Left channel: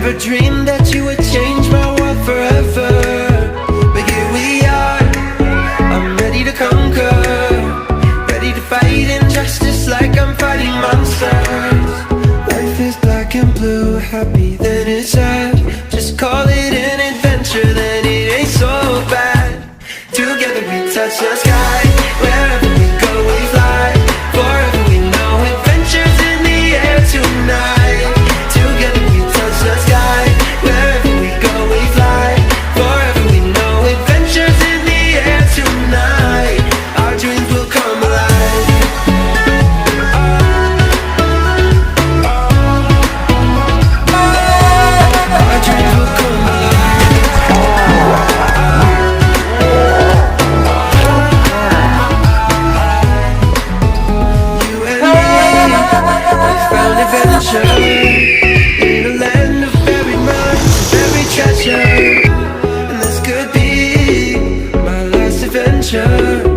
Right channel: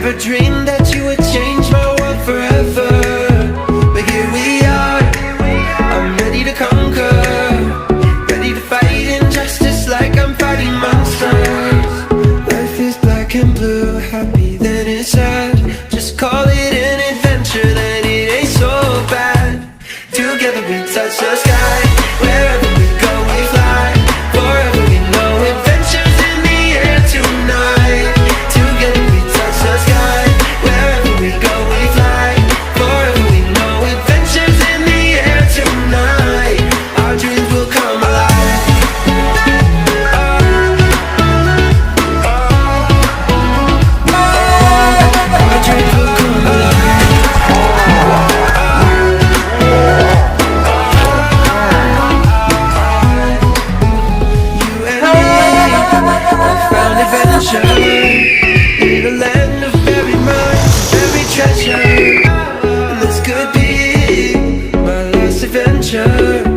Never dreamed that you would change my world forever, but here we are. I'm ready to conquer, ready to fight injustice like I'm fighting monsters. Life is black and blue, happy then it's sad. Just call it an adventure, then it ain't so bad. Together we touch the sky, wherever we go we fly. Forever we know adventures in the air tonight. Together we touch the sky, wherever we go we fly. Forever we know adventures in the air tonight. Our dreams will come alive. Our dreams will come alive. You and me, we found adventure in a land of buried mines, buried treasure. And this could be my last adventure.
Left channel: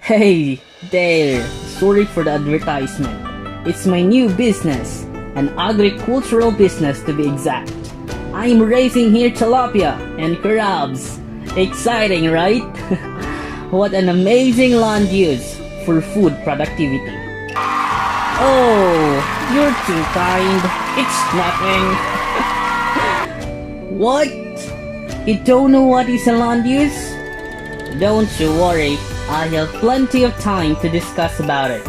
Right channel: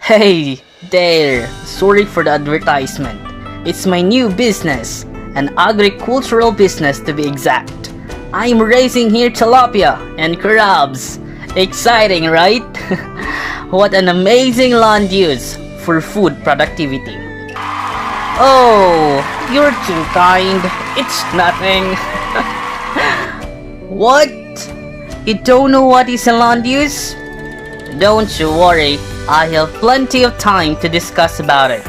Hey there, sorry for the advertisement. It's my new business, an agricultural business to be exact. I'm raising here tilapia and crabs. Exciting, right? What an amazing land use for food productivity. Oh, you're too kind. It's nothing. What? You don't know what is a land use? Don't you worry, I have plenty of time to discuss about it.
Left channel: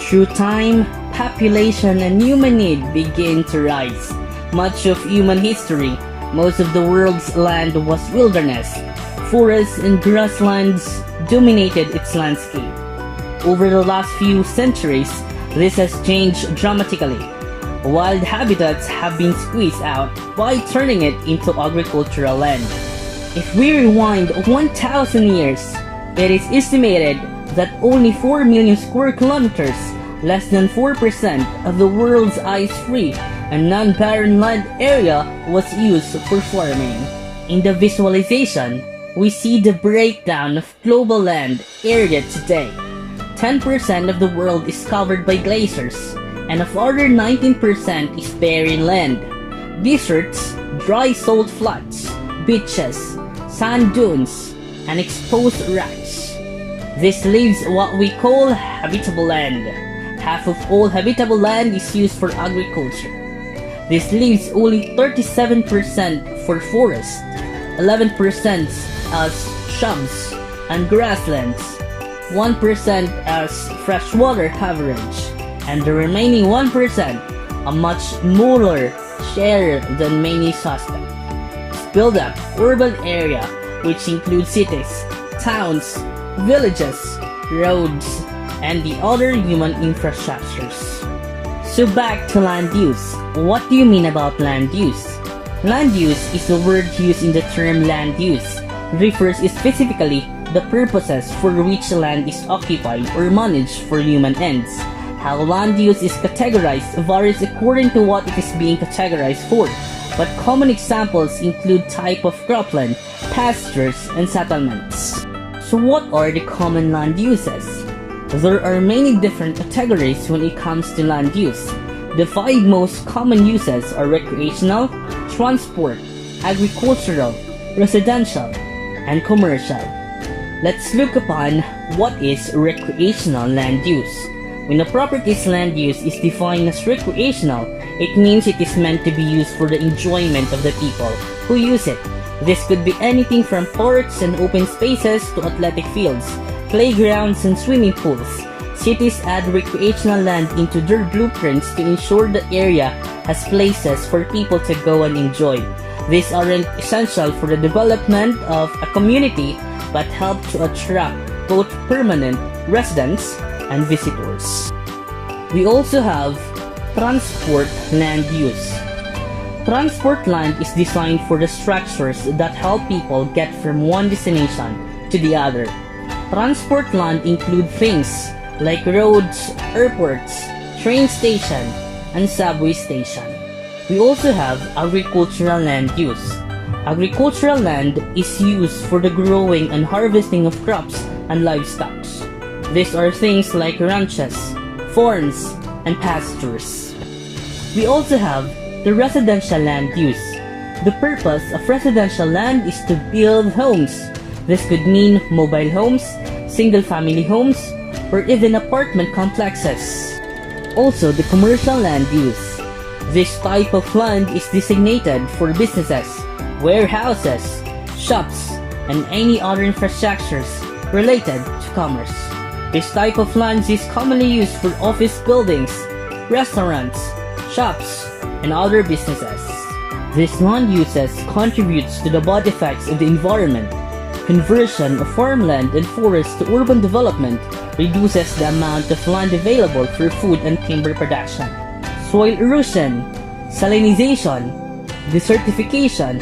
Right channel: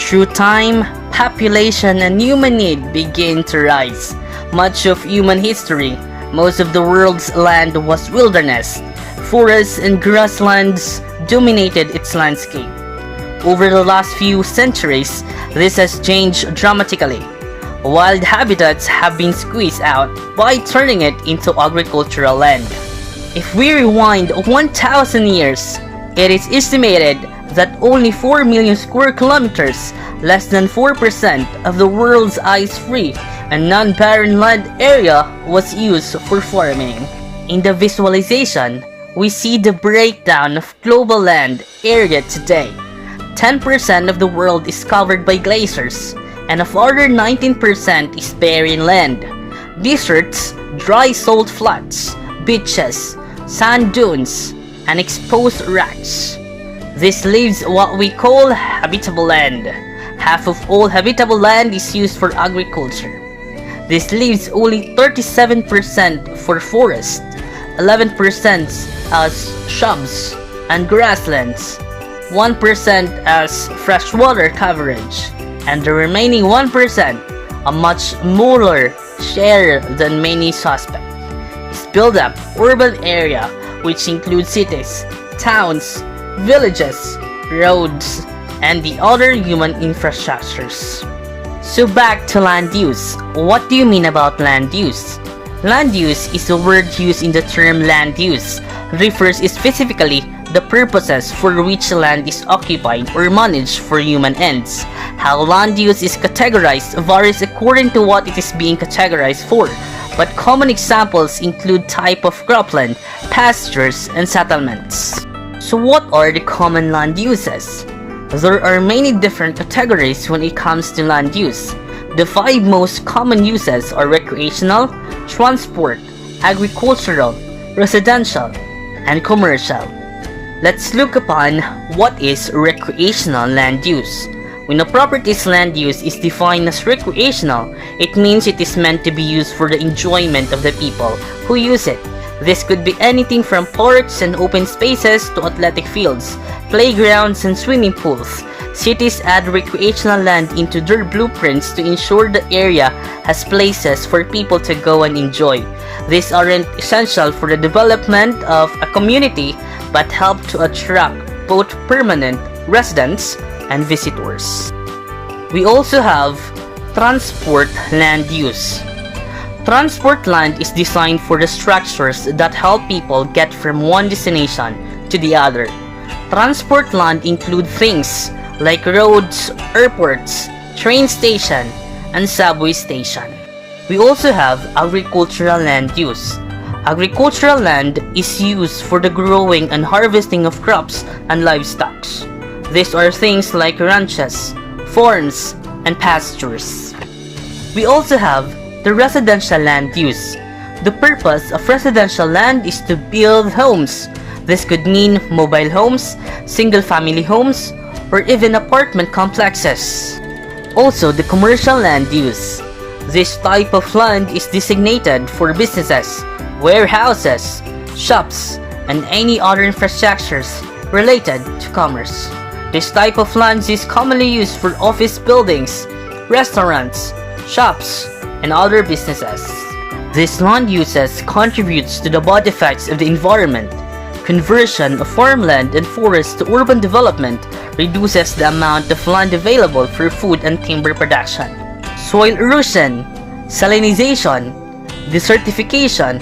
Through time, population and human need began to rise. Much of human history, most of the world's land was wilderness. Forests and grasslands dominated its landscape. Over the last few centuries, this has changed dramatically. Wild habitats have been squeezed out by turning it into agricultural land. If we rewind 1,000 years, it is estimated that only 4 million square kilometers, less than 4% of the world's ice-free and non-barren land area was used for farming. In the visualization, we see the breakdown of global land area today. 10% of the world is covered by glaciers, and a further 19% is barren land. Deserts, dry salt flats, beaches, sand dunes, and exposed rocks. This leaves what we call habitable land. Half of all habitable land is used for agriculture. This leaves only 37% for forest, 11% as shrubs and grasslands, 1% as freshwater coverage, and the remaining 1%, a much smaller share than many suspect, is built up urban area, which includes cities, towns, villages, roads, and the other human infrastructures. So back to land use. What do you mean about land use? Land use is a word used in the term land use. Refers specifically the purposes for which land is occupied or managed for human ends. How land use is categorized varies according to what it is being categorized for, but common examples include type of cropland, pastures, and settlements. So what are the common land uses? There are many different categories when it comes to land use. The 5 most common uses are recreational, transport, agricultural, residential, and commercial. Let's look upon what is recreational land use. When a property's land use is defined as recreational, it means it is meant to be used for the enjoyment of the people who use it. This could be anything from parks and open spaces to athletic fields, playgrounds, and swimming pools. Cities add recreational land into their blueprints to ensure the area has places for people to go and enjoy. These aren't essential for the development of a community, but help to attract both permanent residents and visitors. We also have transport land use. Transport land is designed for the structures that help people get from one destination to the other. Transport land include things like roads, airports, train station, and subway station. We also have agricultural land use. Agricultural land is used for the growing and harvesting of crops and livestock. These are things like ranches, farms, and pastures. We also have the residential land use. The purpose of residential land is to build homes. This could mean mobile homes, single-family homes, or even apartment complexes. Also, the commercial land use. This type of land is designated for businesses, warehouses, shops, and any other infrastructures related to commerce. This type of land is commonly used for office buildings, restaurants, shops, and other businesses. This land uses contributes to the bad effects of the environment. Conversion of farmland and forest to urban development reduces the amount of land available for food and timber production. Soil erosion, salinization, desertification,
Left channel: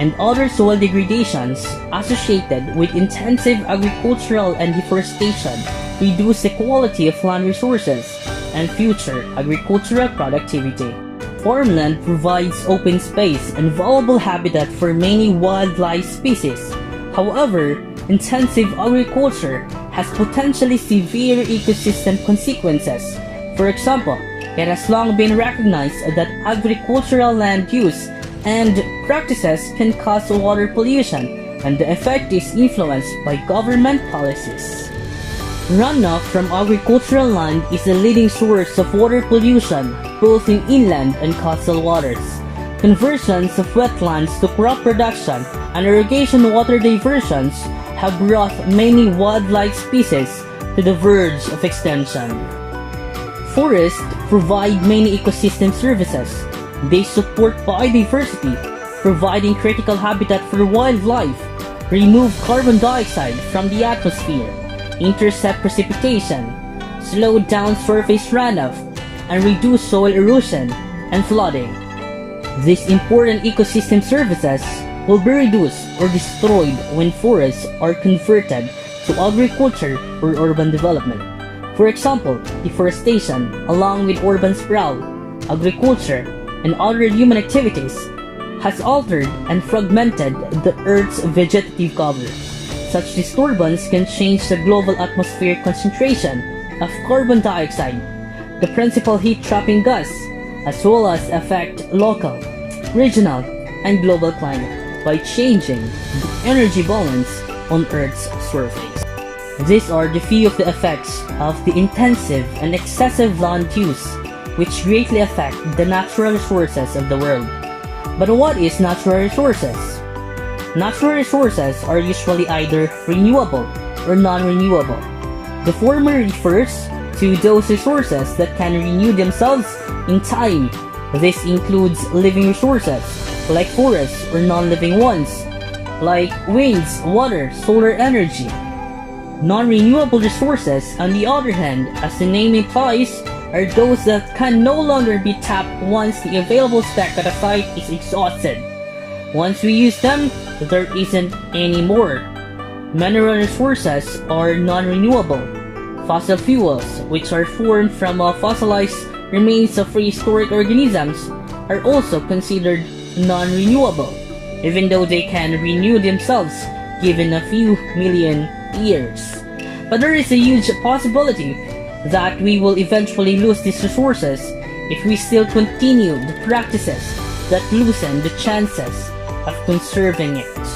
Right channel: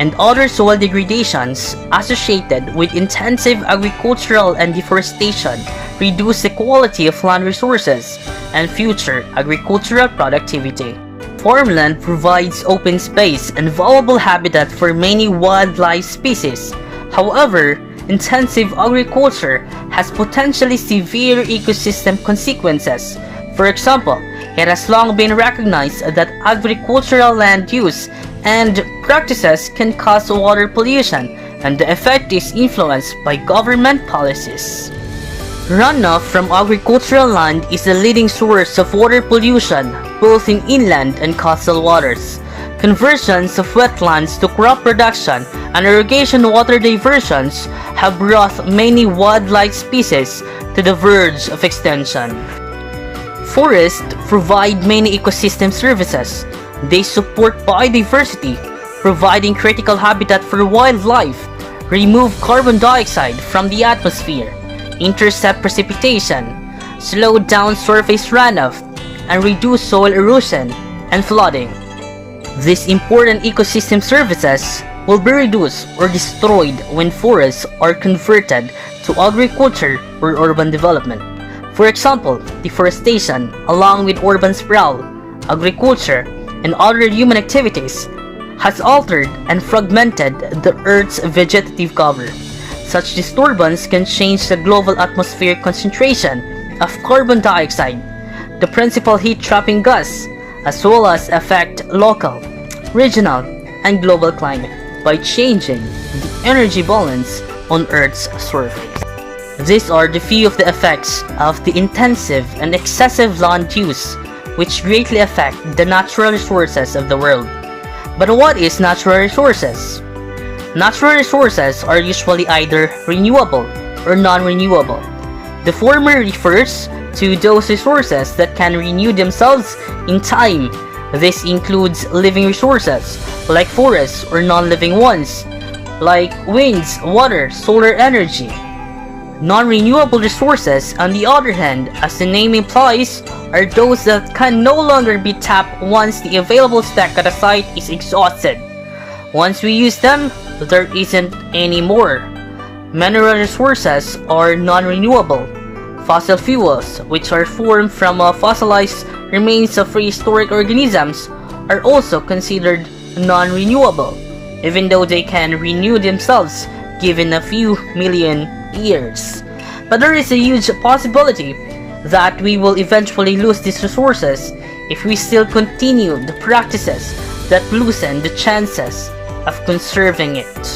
and other soil degradations associated with intensive agricultural and deforestation reduce the quality of land resources and future agricultural productivity. Farmland provides open space and valuable habitat for many wildlife species. However, intensive agriculture has potentially severe ecosystem consequences. For example, it has long been recognized that agricultural land use and practices can cause water pollution, and the effect is influenced by government policies. Runoff from agricultural land is the leading source of water pollution, both in inland and coastal waters. Conversions of wetlands to crop production and irrigation water diversions have brought many wildlife species to the verge of extinction. Forests provide many ecosystem services. They support biodiversity, providing critical habitat for wildlife, remove carbon dioxide from the atmosphere, intercept precipitation, slow down surface runoff, and reduce soil erosion and flooding. These important ecosystem services will be reduced or destroyed when forests are converted to agriculture or urban development. For example, deforestation, along with urban sprawl, agriculture, and other human activities, has altered and fragmented the Earth's vegetative cover. Such disturbance can change the global atmospheric concentration of carbon dioxide, the principal heat-trapping gas, as well as affect local, regional, and global climate. by changing the energy balance on Earth's surface. These are the few of the effects of the intensive and excessive land use, which greatly affect the natural resources of the world. But what is natural resources? Natural resources are usually either renewable or non-renewable. The former refers to those resources that can renew themselves in time. This includes living resources, like forests, or non-living ones, like winds, water, solar energy. Non-renewable resources, on the other hand, as the name implies, are those that can no longer be tapped once the available stock at a site is exhausted. Once we use them, there isn't any more. Mineral resources are non-renewable. Fossil fuels, which are formed from fossilized remains of prehistoric organisms, are also considered non-renewable, even though they can renew themselves given a few million years. But there is a huge possibility that we will eventually lose these resources if we still continue the practices that loosen the chances of conserving it.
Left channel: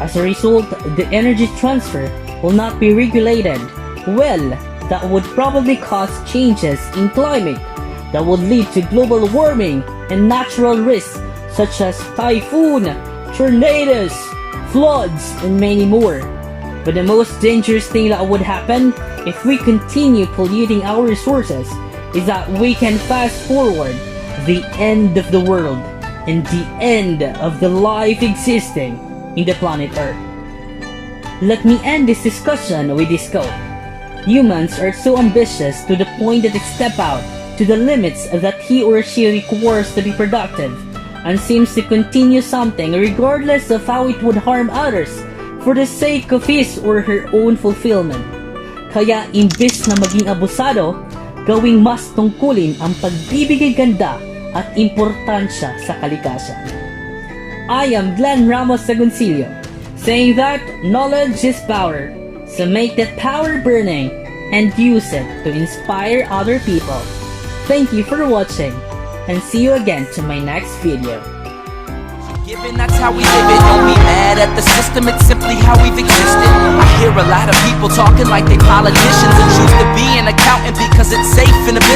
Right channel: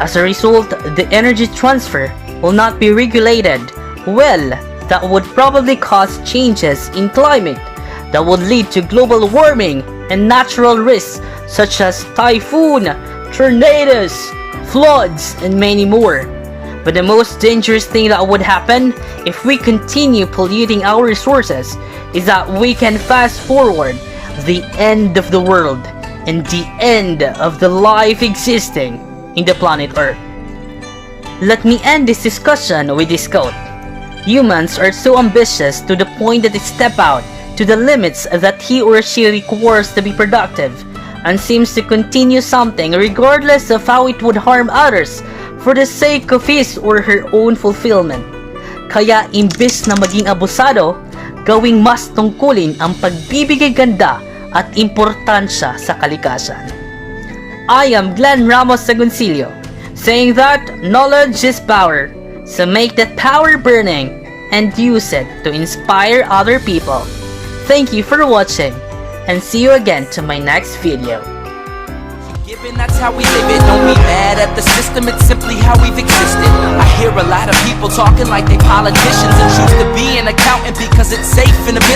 As a result, the energy transfer will not be regulated well. That would probably cause changes in climate that would lead to global warming and natural risks such as typhoon, tornadoes, floods, and many more. But the most dangerous thing that would happen if we continue polluting our resources is that we can fast forward the end of the world and the end of the life existing in the planet Earth. Let me end this discussion with this quote. Humans are so ambitious to the point that they step out to the limits that he or she requires to be productive, and seems to continue something regardless of how it would harm others for the sake of his or her own fulfillment. Kaya imbes na maging abusado, gawing mas tungkulin ang pagbibigay ganda at importansya sa kalikasan. I am Glenn Ramos Sagoncillo, saying that knowledge is power. So make that power burning and use it to inspire other people. Thank you for watching, and see you again to my next video. Given that's how we live it, don't be mad at the system, it's simply how we've existed. I hear a lot of people talking like they politicians and choose to be an accountant because it's safe in a business.